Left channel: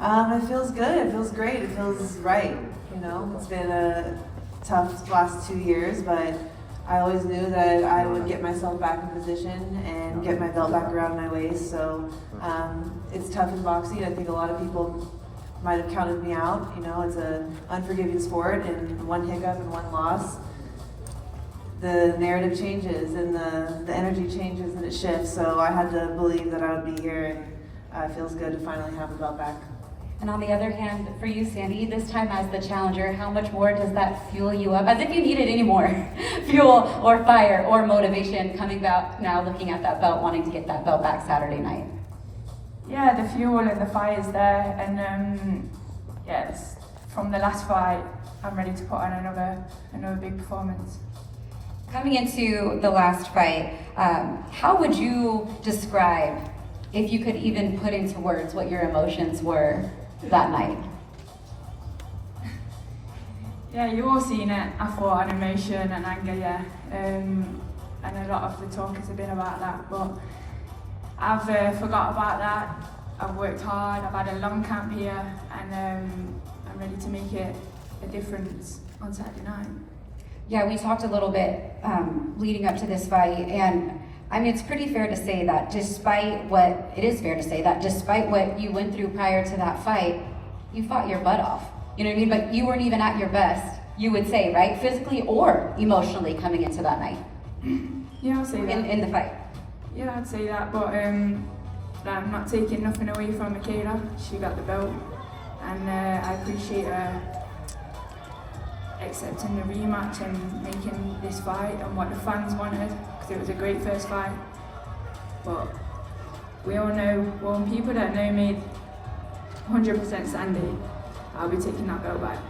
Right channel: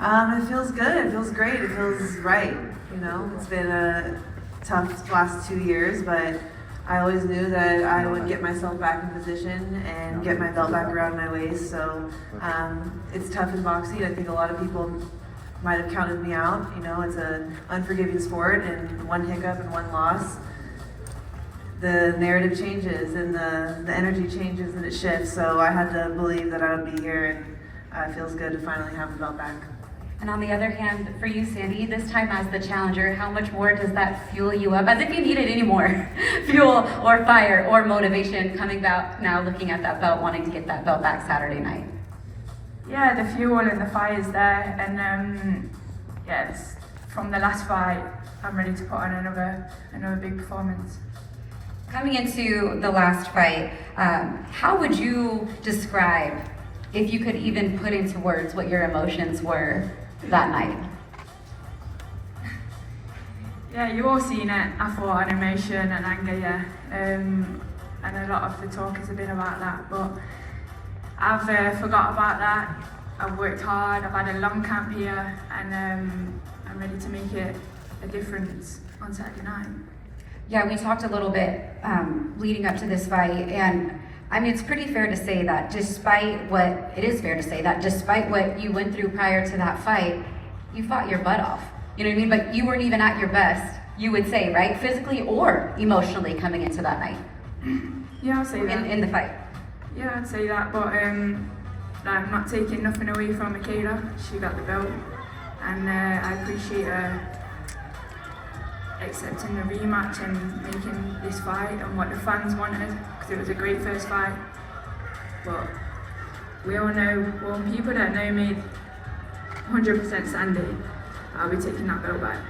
It feels good. It feels great. It feels right. You know, it's been a tough last 2 years, but I always knew that I would get myself back in position and get my belt back around my waist. So it's tough in boxing. I think a lot of people might have counted me out. You know, it's an unforgiving sport, and one hiccup and one loss, the narrative changes and the energy changes and it shifts. So I had to believe that I would be here, and it feels good to finally have the belt back. And on the other hand, for you, Sandy, this time as the challenger, how much more does that fuel you up? As if you needed any more fuel or fire or motivation coming back now, looking at that belt, wanting to get that belt back Saturday night. Yeah, the fuel and the fire is there, and yes, from the last fight, I'm ready to put on another big performance. Coming into the last fight, how would you describe, if you could even put into words, what your emotions were that night? Yeah, you've all seen it. I thought an emotion and anger, yeah, and a lot of the talk has been about that, but I've forgot about that. I've worked hard, I've had a long camp here, and I'm ready to make it a difference on Saturday night. Yeah, we talked a little bit leading up to this fight, and I mean, it's pretty fair to say that despite what you went through prior to that fight, you fought your butt off. You know what I mean? But you weren't even at your best, you would say, right? Physically or emotionally coming into that night. Yeah, I'll say that. In the fight. Yeah, I'd say that, but I'm not taking nothing away from Mikaela. She got the belt, and I appreciate her accepting the rematch and making this fight and what the fans wanted, because it was a great first fight. But we all know, well, people that know me 100% Sandy, I'll be taking that belt back.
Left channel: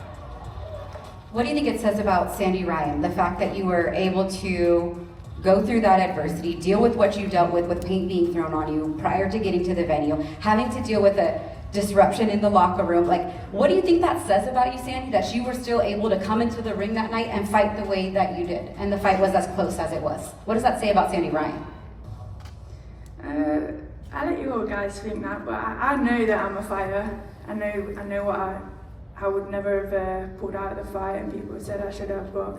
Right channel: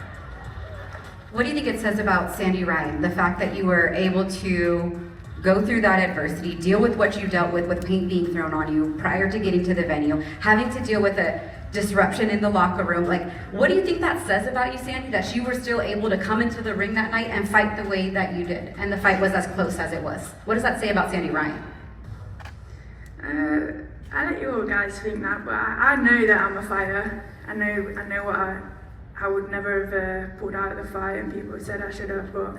What do you think it says about Sandy Ryan, the fact that you were able to go through that adversity, deal with what you dealt with paint being thrown on you prior to getting to the venue, having to deal with a disruption in the locker room? Like, what do you think that says about you, Sandy, that you were still able to come into the ring that night and fight the way that you did, and the fight was as close as it was? What does that say about Sandy Ryan? I let you all guys think that, but I know that I'm a fighter. I know what I would never have pulled out of the fight, and people said I should have, but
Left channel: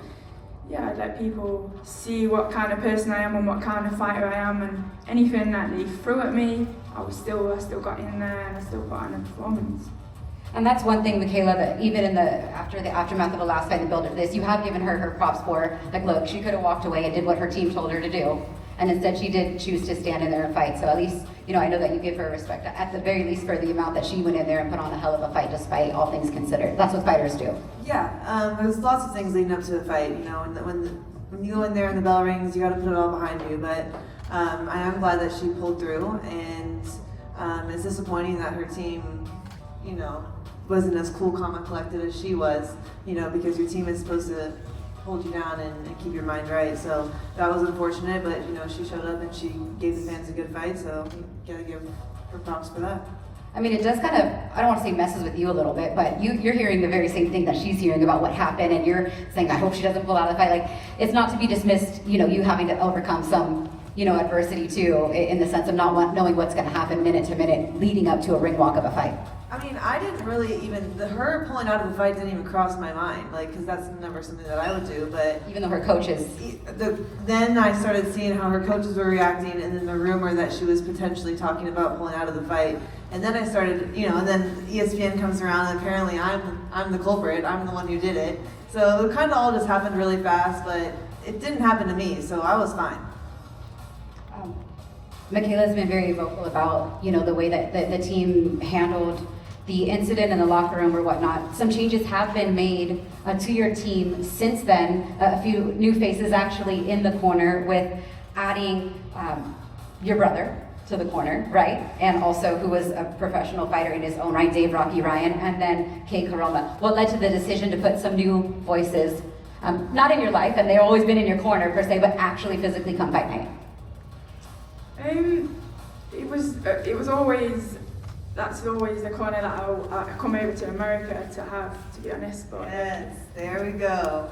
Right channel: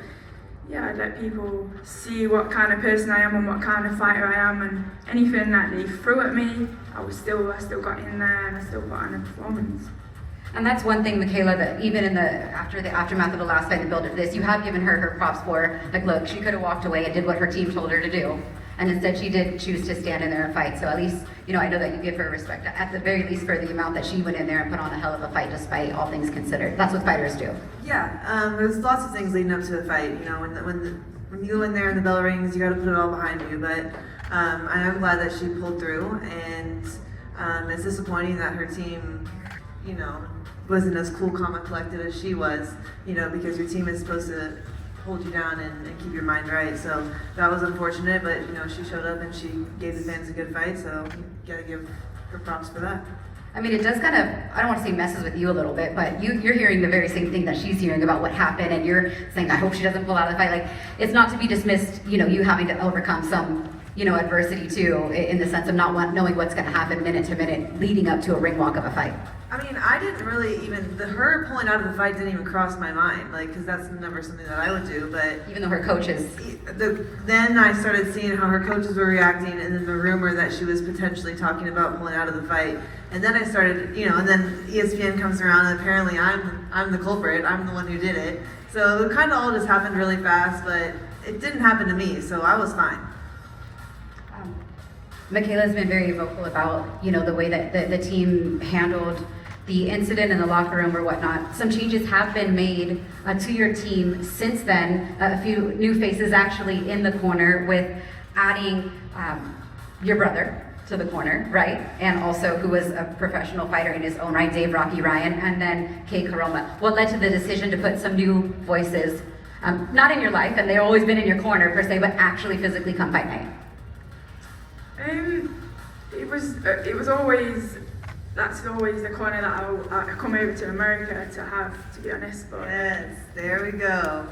yeah, I'd let people see what kind of person I am and what kind of fighter I am, and anything that they threw at me, I still got in there and I still put on a performance. And that's one thing, Mikaela, that even in after the aftermath of the last fight and the build up to this, you have given her props for, like, look, she could have walked away and did what her team told her to do. And instead she did choose to stand in there and fight. So at least, you know, I know that you give her respect, at the very least, for the amount that she went in there and put on a hell of a fight, despite all things considered. That's what fighters do. Yeah, there's lots of things leading up to the fight. You know, when you go in there and the bell rings, you got to put it all behind you. But I am glad that she pulled through, and it's disappointing that her team, you know, wasn't as cool, calm, and collected as she was. You know, because your team is supposed to hold you down and keep your mind right. So that was unfortunate, but you know, she showed up and she gave the fans a good fight. So you gotta give her props for that. I mean, it does kind of, I don't want to say messes with you a little bit, but you're hearing the very same thing that she's hearing about what happened, and you're saying, I hope she doesn't pull out of the fight. Like, it's not to be dismissed, you know, you having to overcome some, you know, adversity too, in the sense of not knowing what's going to happen minute to minute leading up to a ring walk of a fight. I mean, I didn't really her pulling out of the fight didn't even cross my mind, like, because that's never something that I would do, but... Even though her coaches... Then I started seeing how her coaches were reacting, and then the rumor that she was potentially talking about pulling out of the fight. And then I started, you know, and then ESPN comes around, and apparently I'm the culprit, I'm the one who did it. So it kind of all just happened really fast, but it didn't happen to me, so I was fine. Mikaela's been very vocal about, you know, the way that the team handled the incident in the locker room or whatnot. Some changes have been made to your team since then. A few new faces actually in the corner, with adding your brother to the corner, right? And also, who was a professional fighter in his own right, Dave Rocky Ryan, and then Kay Karoma. What led to the decision to put some new voices, not in your life, and they've always been in your corner per se, but actually physically come fight night? It was always, that's always the corner that I'll come over to America to have, to be honest. But yes, there we go.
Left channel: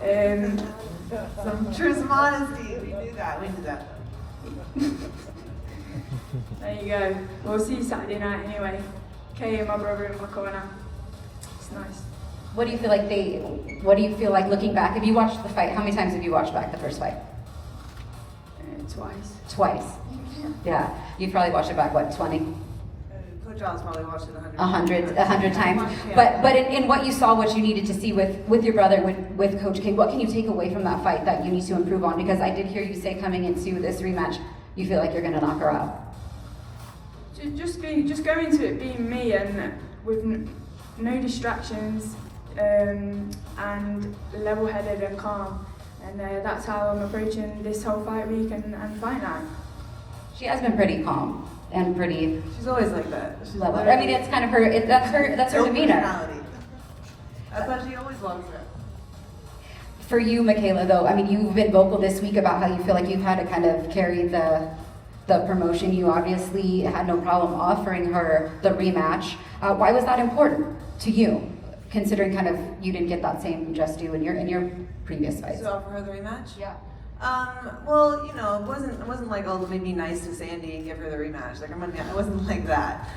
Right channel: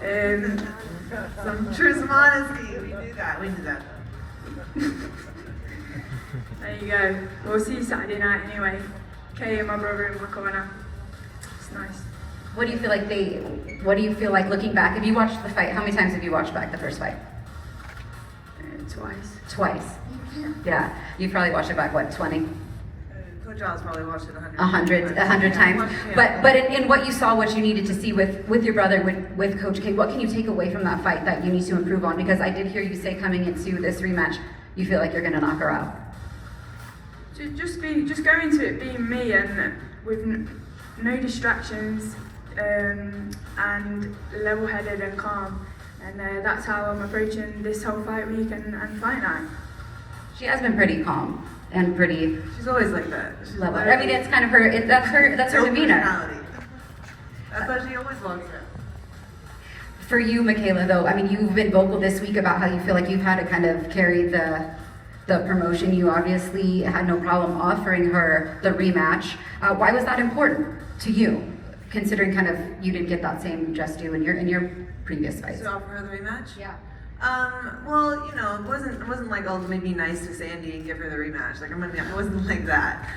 Some truth, honesty. We knew that. There you go. We'll see you Saturday night anyway. Kay and my brother in my corner. It's nice. What do you feel like looking back? Have you watched the fight? How many times have you watched back the first fight? Twice. Twice. Yeah. You probably watched it back, what, 20? Coach Al's probably watched it 100 100 times. Yeah. But in what you saw, what you needed to see with your brother, with Coach K, what can you take away from that fight that you need to improve on? Because I did hear you say coming into this rematch, you feel like you're going to knock her out. Just go into it being me and with no distractions and level-headed and calm. And that's how I'm approaching this whole fight week and fight night. She has been pretty calm and pretty She's always like that. level. I mean, it's kind of her. That's her demeanor. Personality. That's what she always loves it. For you, Mikaela, though, I mean, you've been vocal this week about how you feel like you've had to kind of carry the promotion. You obviously had no problem offering her the rematch. Why was that important to you, considering kind of you didn't get that same just due in your previous fights? To offer her the rematch? Yeah. Well, you know, it wasn't like, oh, let me be nice to Sandy and give her the rematch. Like, it wasn't like that.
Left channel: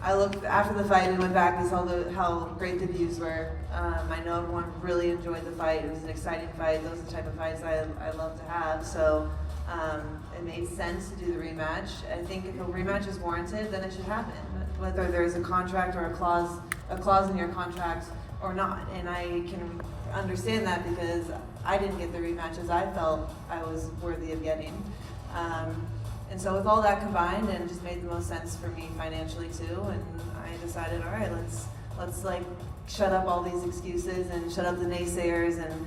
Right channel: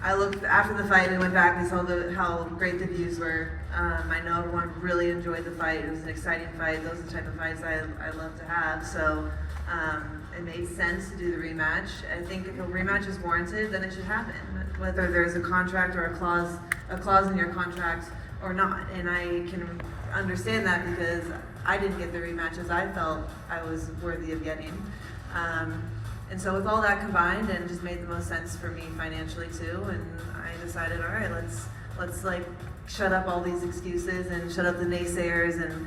I looked after the fight. We went back. We saw how great the views were. I know everyone really enjoyed the fight. It was an exciting fight. Those are the type of fights I love to have. So it made sense to do the rematch. I think if a rematch is warranted, then it should happen, whether there's a contract or a clause in your contract or not. And I can understand that because I didn't get the rematches I felt I was worthy of getting. And so with all that combined, and it just made the most sense for me financially too, and I decided, all right, let's like shut up all these excuses and shut up the naysayers and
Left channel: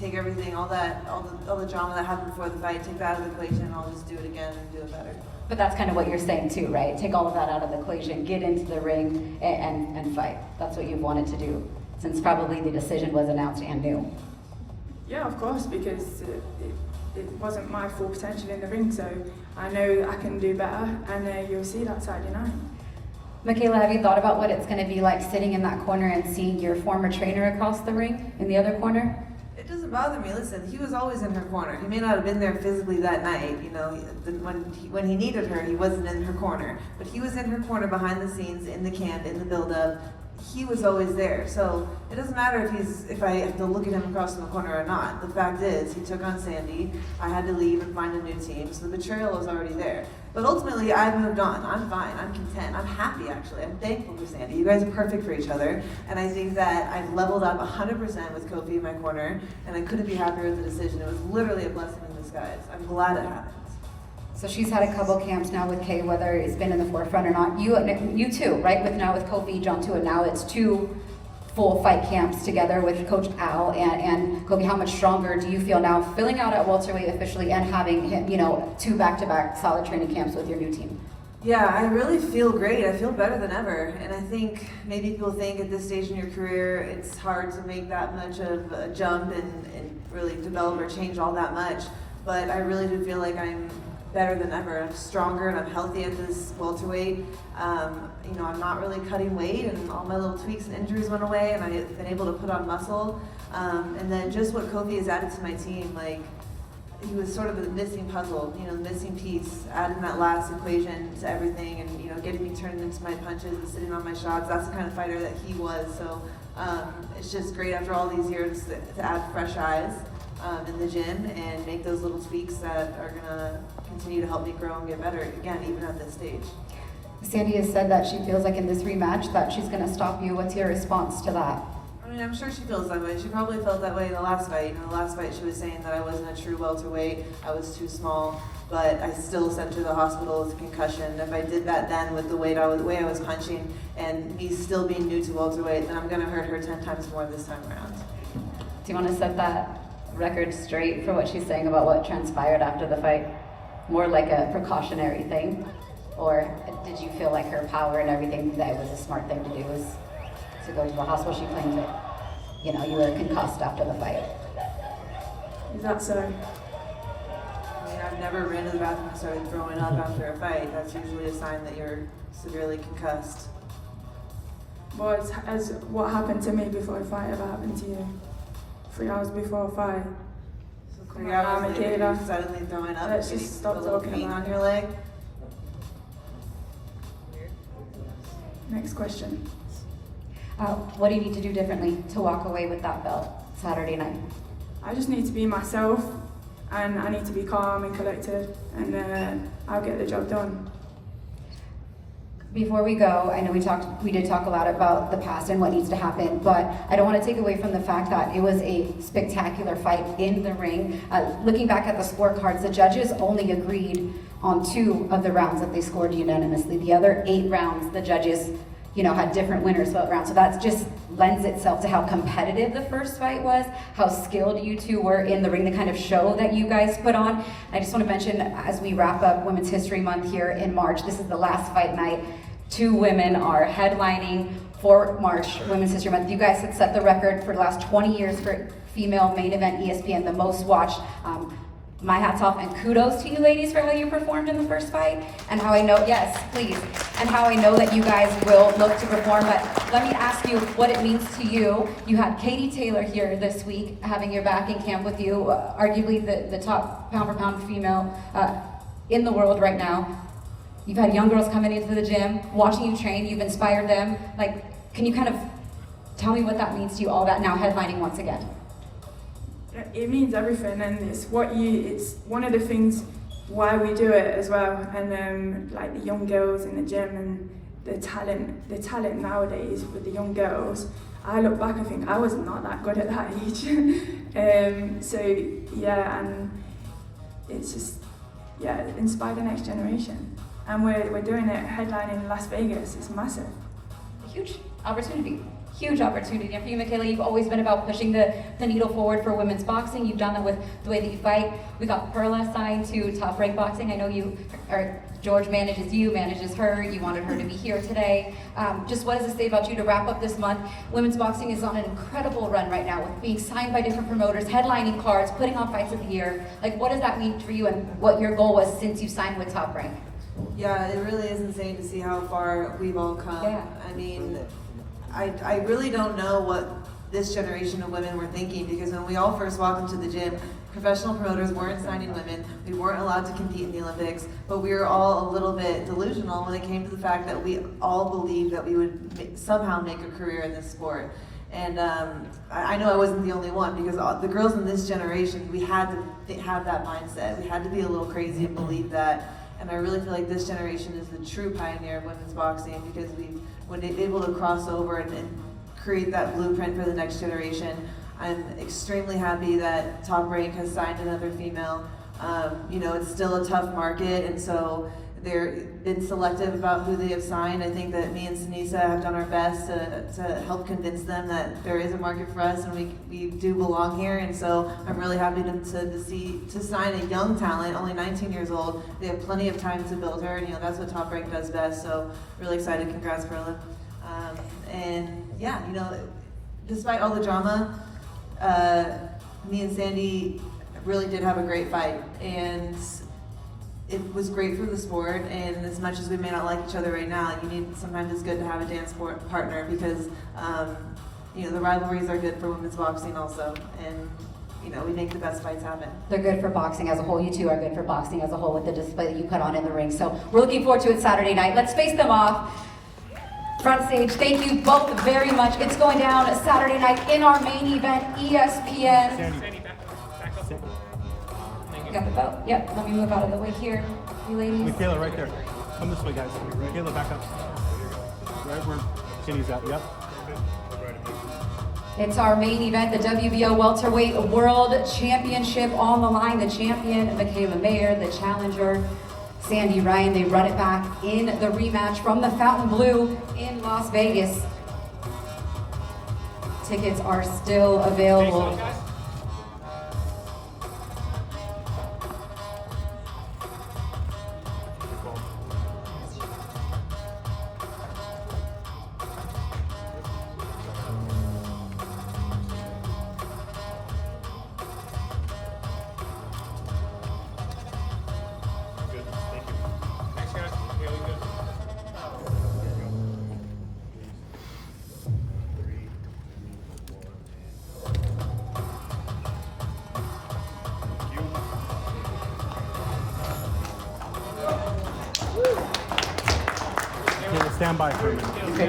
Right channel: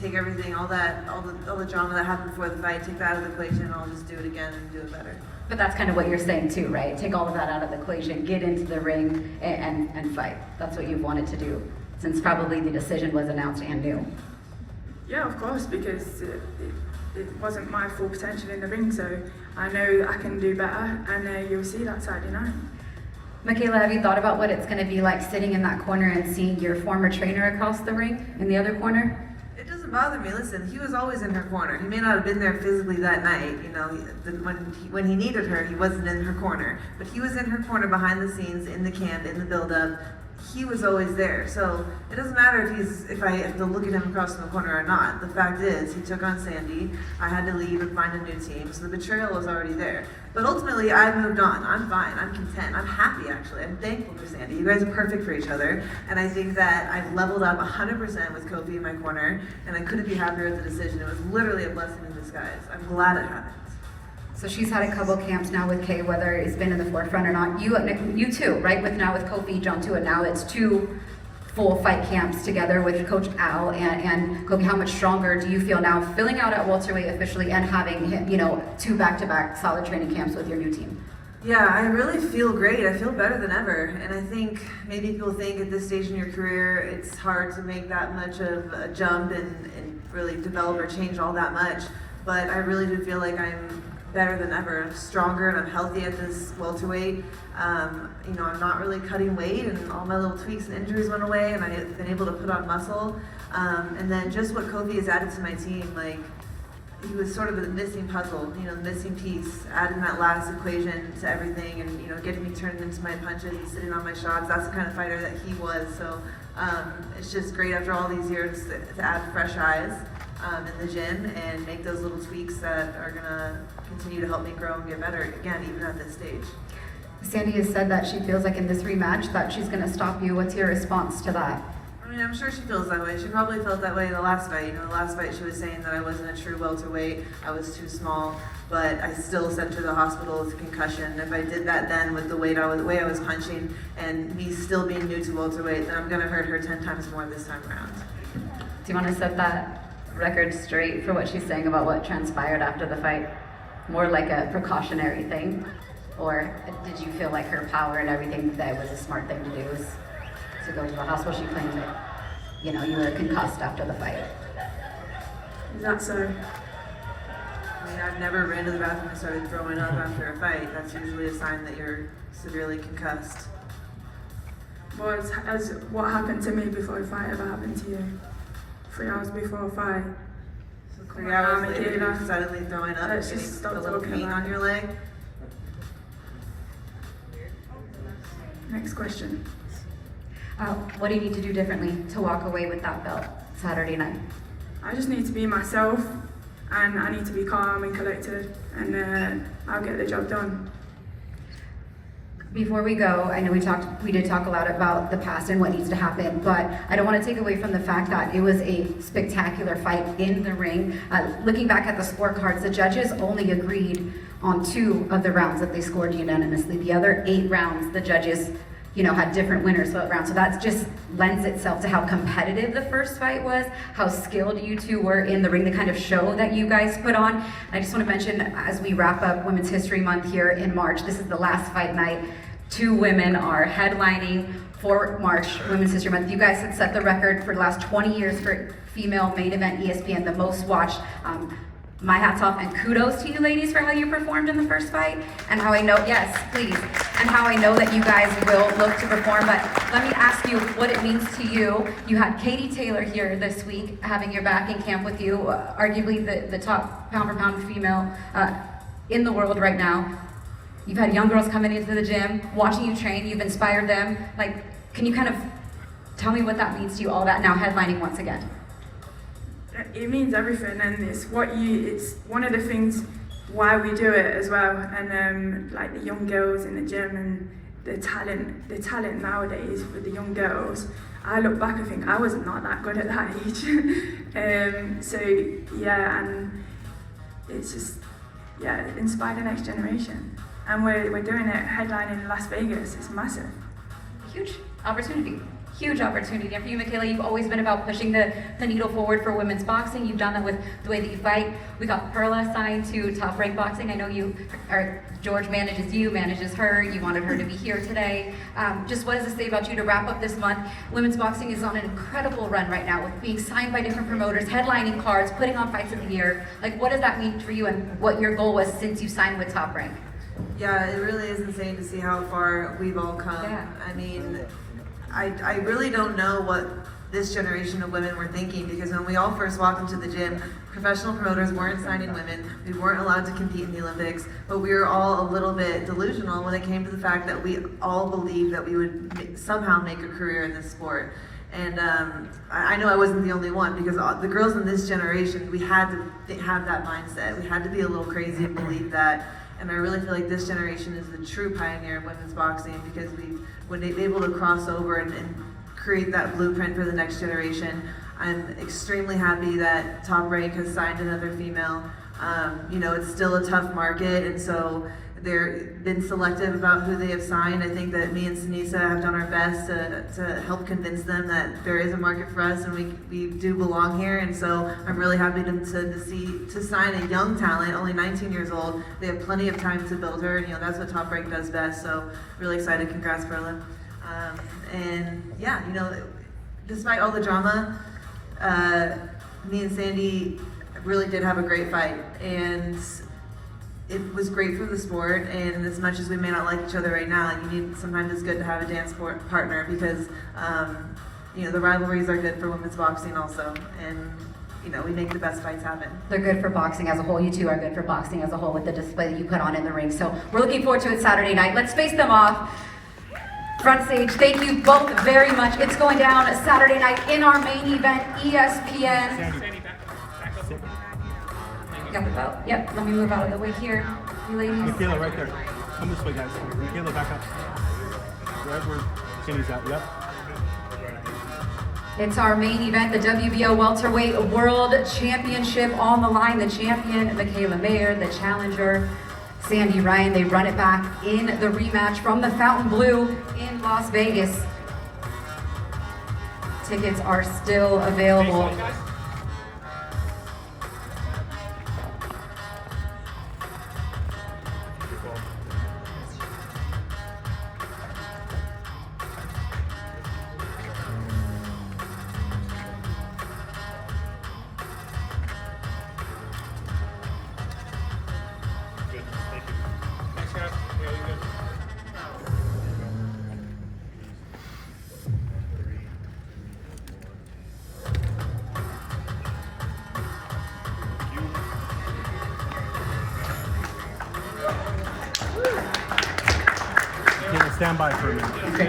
take everything, all the drama that happened before the fight, take that out of the equation, and I'll just do it again and do it better. But that's kind of what you're saying too, right? Take all of that out of the equation, get into the ring and fight. That's what you've wanted to do since probably the decision was announced and new. Yeah, of course, because it wasn't my full potential in the ring, so I know I can do better, and you'll see that Saturday night. Mikaela, have you thought about what it's going to be like sitting in that corner and seeing your former trainer across the ring in the other corner? It doesn't bother me. Listen, he was always in her corner. He may not have been there physically that night. You know, when he needed her, he wasn't in her corner, but he was in her corner behind the scenes, in the camp, in the build-up. He was always there. So it doesn't matter if I have to look at him across from the corner or not. The fact is, he took on Sandy. I had to leave and find a new team. So the betrayal was already there. But ultimately, I've moved on. I'm fine. I'm content. I'm happy, actually. I'm thankful for Sandy. You guys are perfect for each other. And I think that I've leveled up 100% with Kofi in my corner. And I couldn't be happier with the decision. It was literally a blessing in disguise. I'm glad it happened. So she's had a couple camps now with Kay, whether it's been in the forefront or not. You too, right? With Kofi, jumped to it now. It's 2 full fight camps together with Coach Al and Kofi. How much stronger do you feel now, filling out at welterweight officially and having 2 back-to-back solid training camps with your new team? Yeah, I really feel great. I feel better than ever. And I think maybe people think at this stage in your career, it's hard to make that much of a jump and really develop or change all that much. But I really do feel like I'm better than ever. I'm stronger and I'm healthy at this welterweight. I'm not really cutting weight, and all my little tweaks and injuries went away, and I've been able to put on muscle. And then just what Kofi has added to my team, like, he was sort of the missing puzzle, the missing piece, adding that last equation to everything, and getting me turned into my punches and sitting on my shots. That's the kind of fighter that he was. So it's just great after all these years to add fresh eyes in the gym and make those little tweaks that are gonna continue to help me grow and get better again, even at this stage. Sandy has said that she feels like in this rematch that she's gonna stop you. What's your response to that? I mean, I'm sure she feels that way. She probably felt that way in the last fight. The last fight she was saying that I wasn't a true welterweight, I was too small, but I still sent her to the hospital with a concussion. If I did that then with the way I was punching and me still being new to welterweight, then I'm gonna hurt her 10 times more this time around. Do you want to set that record straight for what she's saying about what transpired after the fight? More like a precautionary thing? Or did you feel like her power and everything, that it was a smart thing to do, was to go to the hospital? She claims that, you were concussed after the fight. Is that so? I mean, I've never ran to the bathroom and started throwing up after a fight. That's usually a sign that you're severely concussed. Well, as what happened to me before a fight ever happened to you. 3 hours before a fight. So 3 hours later, you're suddenly throwing up Let's and just getting stop a little talking pain about on it. your leg. Next question. What do you need to do differently to walk away with that belt Saturday night? I just need to be myself, and I need to be calm and collected, and I'll get the job done. Before we go, I know we did talk a lot about the past and what needs to happen, but I don't want to take away from the fact that it was a spectacular fight in the ring. Looking back at the scorecards, the judges only agreed on 2 of the rounds that they scored unanimously. The other 8 rounds, the judges, had different winners vote rounds. So that just lends itself to how competitive the first fight was, how skilled you 2 were in the ring, the kind of show that you guys put on. I just want to mention, as we wrap up Women's History Month here in March, this is the last fight night. 2 women are headlining for March Women's History Month. You guys had set the record for the last 20 years for female main event ESPN, the most watched. My hat's off and kudos to you ladies for how you performed in the first fight and how I know, yes, please, and how I know that you guys will look to perform. But let me ask you what it means to you. You had Katie Taylor here this week having your back in camp with you, arguably the top pound for pound female in the world right now. You've had young girls coming into the gym, watching you train, you've inspired them. Like, can you kind of tell me what that means to you, all that now headlining once again? It means everything, and it's one of the things why we do it as well. And like the young girls in the gym and the talent nowadays with the young girls. I look back and think I was not that good at that age. So yeah, and it's just inspire the next generation. And we're doing it headlining in Las Vegas. It's massive. Huge opportunity. Huge opportunity. And for you, Mikaela, you've always been about pushing the needle forward for women's boxing. You've done that with the way that you fight. We got Perla signed to Top Rank Boxing. I know George manages her. You wanted her to be here today. Just what does it say about you to wrap up this month? Women's boxing is on an incredible run right now with being signed by different promoters, headlining cards, putting on fights of the year. Like, what does that mean for you and what your goal was since you signed with Top Rank? Yeah, it really is insane to see how far we've all come. Yeah. I mean, I really don't know what this generation of women were thinking, because when we all first walked into the gym, professional promoters weren't signing women, we weren't allowed to compete in the Olympics, but we were all a little bit delusional when it came to the fact that we all believed that we would somehow make a career in this sport. And I know I wasn't the only one, because the girls in this generation, we had to have that mindset. We had to be a little crazy and believe that. And I really feel like this generation is the true pioneer of women's boxing, because when they're able to cross over and create that blueprint for the next generation. I'm extremely happy that Top Rank has signed another female. It's still a tough market, and so they've been selective about who they have signed. I think that me and Sinisa have done our best to help convince them that there is a market for us and we do belong here. And so I'm really happy to sign a young talent, only 19 years old. They have plenty of time to build her, and that's what Top Rank does best. So really excited. Congrats, Perla. Despite all the drama, me and Sandy really did have a great fight, and it was great for the sport. And as much as we may not like each other right now, sometimes it's good to have a dance partner, because the rivalries are good for women's boxing also, and we make the best fights happen. They're good for boxing as a whole. You two are good for boxing as a whole with the display that you put on in the ring. So we're looking forward to it Saturday night. Let's face them off. Front stage, thank you both very much. It's going down Saturday night in our main event, ESPN. Sandy, back up. Got the belt. Yep, let me move out of the way here, you ladies. Mikaela, right there. Come this way, guys. Mikaela, back up. Right where Sandy's at, yep. It's our main event, the WBO Welterweight World Championship on the line. The champion, Mikaela Mayer, the challenger, Sandy Ryan. They run it back in the rematch from the Fountain Blue in Las Vegas. Tickets are still available. stand by for a minute. Okay.